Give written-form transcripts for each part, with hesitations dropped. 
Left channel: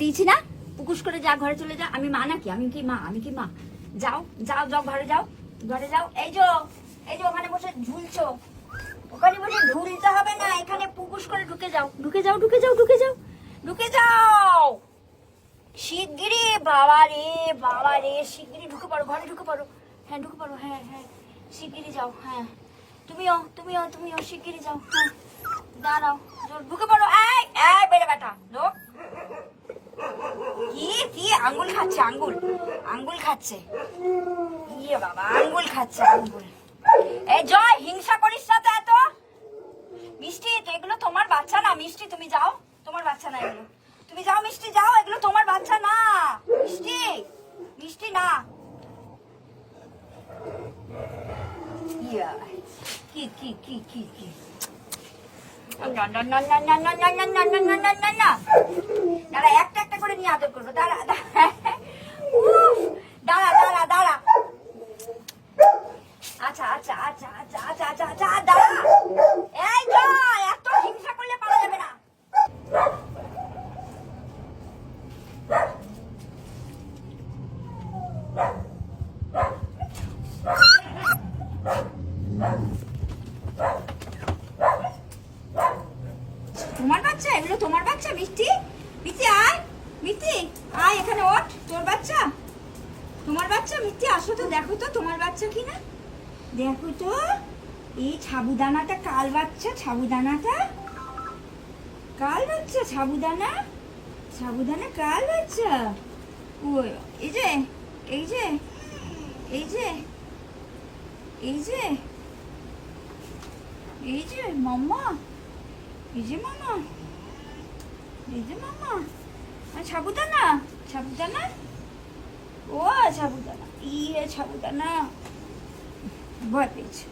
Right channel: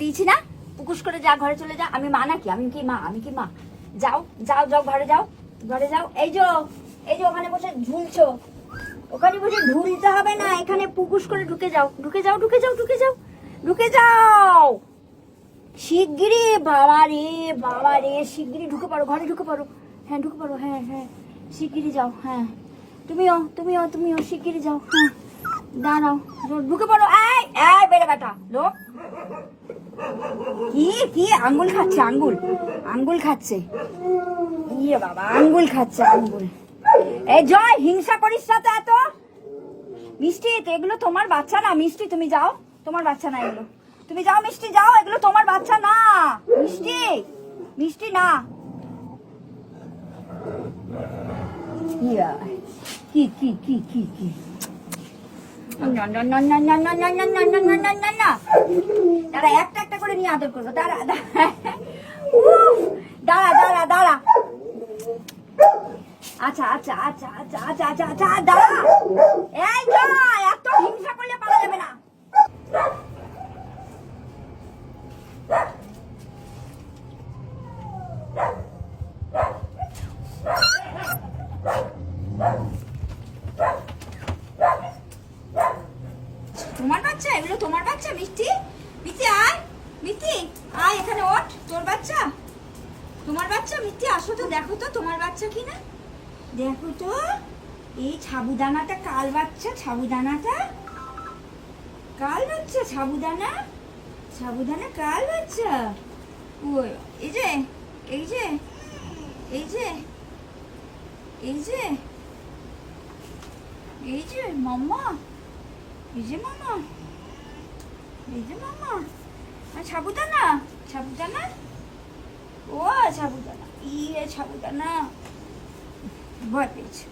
দিয়েছি না, পুকুস করে যা, ঘরে চলে যা। আমি মা নাকি? আমি কি মা? আমি কি মা? যাও যাও যাও, ঘরে যাও, ঘরে যাও। এই যে ওখানে বসে ঝুলছো, ওখানে বসে ঝুলতে হবে না, এখানে পুকুস করে ঢুকে যাও, ঢুকে যাও, ঢুকে যাও, ঢুকে যাও, ঢুকে যাও শিগগিরি। বাবা রে শিগগিরি ঢুকে পড়ো, ঘরে ঢুকে পড়ো। হ্যাঁ ঢুকে পড়ো, হ্যাঁ হ্যাঁ শিগগিরি যাও। হ্যাঁ তুমিও শিগগিরি যাও। হ্যাঁ দাঁড়াও, ঢুকে পড়ো। এই এই বেড়ে বেটা লোক, কি আঙ্গুল খাচ্ছে, আঙ্গুল খাচ্ছে। ইয়ে বাবা, আঙ্গুল খাচ্ছে, আঙ্গুল। এই জয়, হিংসা করিস না তো এত। মিষ্টি, তো এগুলো তোমার বাচ্চা না। মিষ্টি তুমি যাও, তোমার বাচ্চা না এগুলো। তুমি যাও মিষ্টি, যাও, এগুলো তোমার বাচ্চা না। মিষ্টি না। ইয়া কি না, দাঁড়া, একটা করে নিয়ে আদর করবো। দাঁড়া দাঁড়া। আচ্ছা দাঁড়া। এই জয়, এত হিংসা করলে পারা যাবে না। তোমার বাচ্চা এগুলো, তোমার বাচ্চা। মিষ্টি আয়, মিষ্টি আয়, এখানে ওঠ। তোর বাচ্চা, তোমার বাচ্চা। মিষ্টি আসো তো, দেখো তো তোমার বাচ্চা কিনা, দেখো তো। এই সাবুদানাটা কাল বাচ্চা, সাবুদানা কাল বাচ্চা। ওই এই যে মাম্মা, সাবুদানা। ও সাবুদানা, সাবুদানা। ভয় পেয়েছে।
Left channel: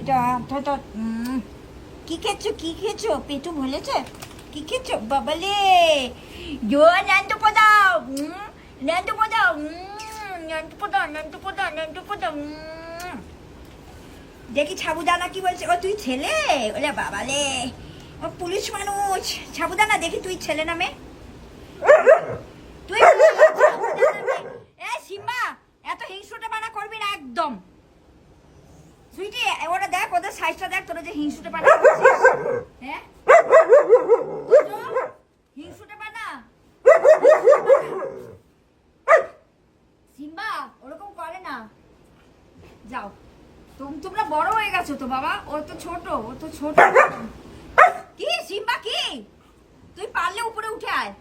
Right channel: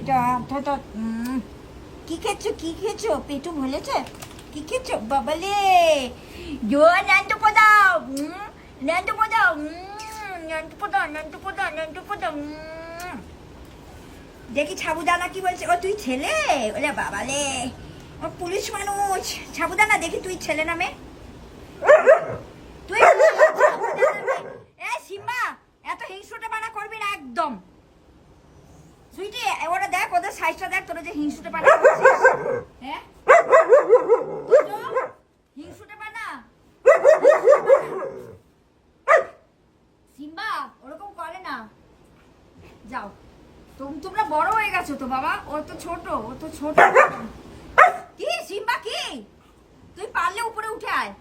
এটা কি খেয়েছো? পেটু ভুলেছে? কি খেয়েছো বাবালে? ন্যান্টু পোদাও। দেখি সাবুদানা কি বলছে। ও তুই ছেলে? ওলে বাবালে, ও পুলিশ মানুষ। সাবুদানা, দেখি তুই ছেলে না মেয়ে? তুই সিম্বা, এত হিংসুটে বানা করবি না একদম। সুইটি, ওরা দেখ, ওদের সাইজটা দেখ, তোরা যে হিংসুটে বানা করছিস। হ্যাঁ হিংসুটে বানা। সিম্বা ওরকম করে না। যাও, তোমরা বড় হয়ে গেছো তো বাবা, ও তো ছোট। কি সিম্বা, কি তুই পারলে উপরে উঠে আয়।